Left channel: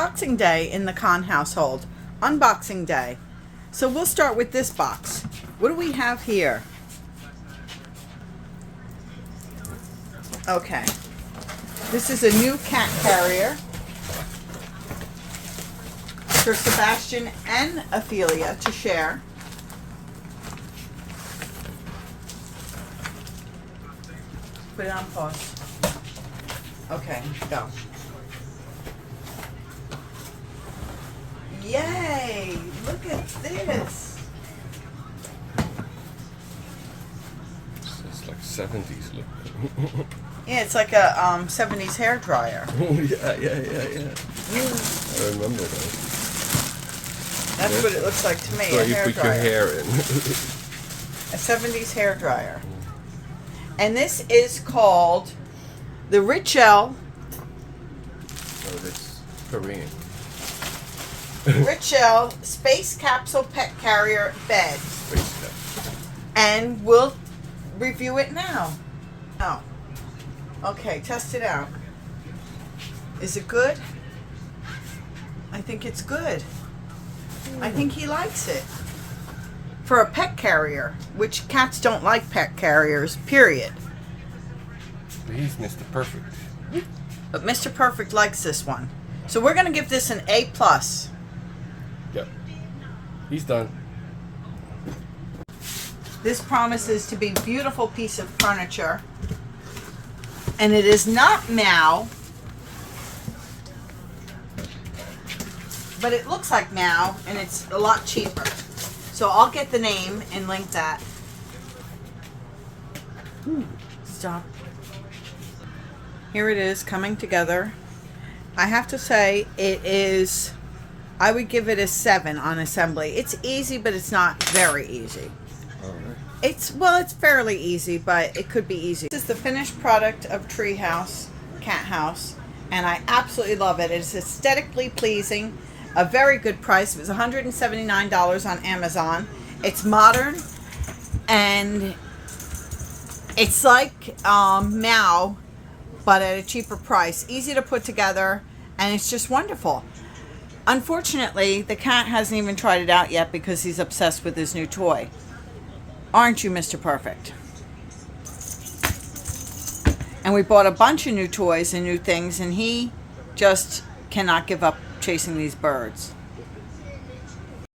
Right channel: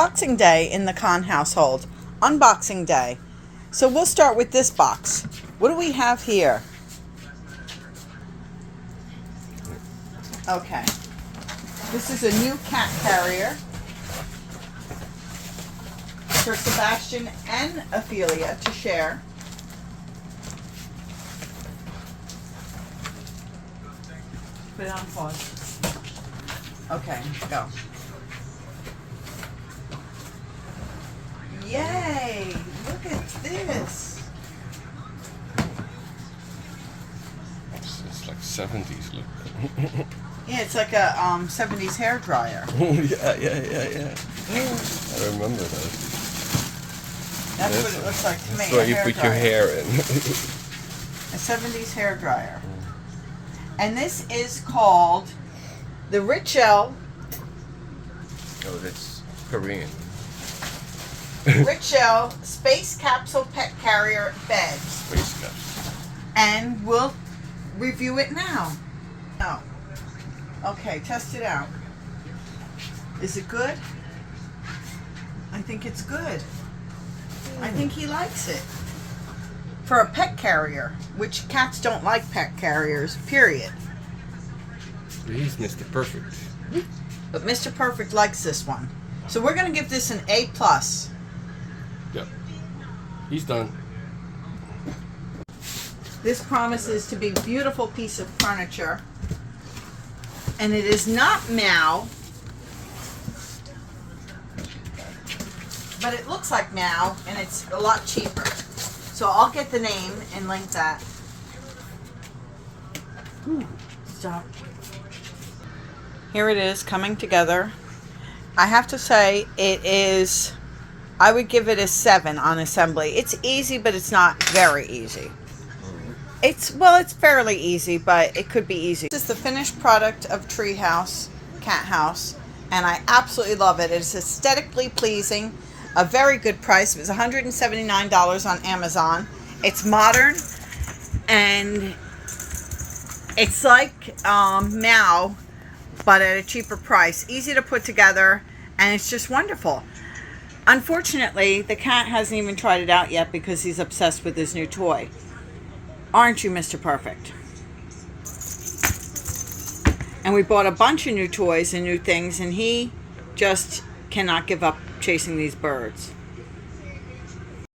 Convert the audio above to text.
Boxing Day in the Khan household. Unboxing Day. So we'll start with this box. What do we have here? Okay. This is a new cat carrier for Sebastian and Ophelia to share. Put it on pause. Okay, go. Yay! Look at this. It's like 70s look. Yeah, it's like a 70s hair dryer. yeah. I remember those. That's what it looks like to me. That's where you put your hair in. A 70s hair dryer. And this is called the Richel. Oh, that's Korean. Richel Space Capsule Pet Carrier Bed. Space capsule. And we'll review it now. Oh. Okay, test it out. Is it good? I think it's good. I think he likes it. For a pet carrier, which cats don't like pet carriers, period. He's Mr. Perfect. But Mr. Perfect likes this one. So we're going to give this an A+. Yep. He's done. This promises to be a beautiful piece of furniture. And it is not Meow. But it looks like Meow, and it's a lot cheaper. So I'll get the name and link that. Ooh, stop. Here it is coming together. I have to say it is, I would give it a 7 on assembly. It's easy, but it's not very easy. It's fairly easy, but it could be easy. This is the finished product of Treehouse Cat House, and I absolutely love it. It's aesthetically pleasing, a very good price. It was $179 on Amazon. It's modern, and it's like Meow, but at a cheaper price. Easy to put together, and it's just wonderful. Unfortunately, the cat hasn't even tried it out yet because he's obsessed with his new toy. Aren't you, Mr. Perfect? And we bought a bunch of new toys and new things, and he just cannot give up chasing these birds.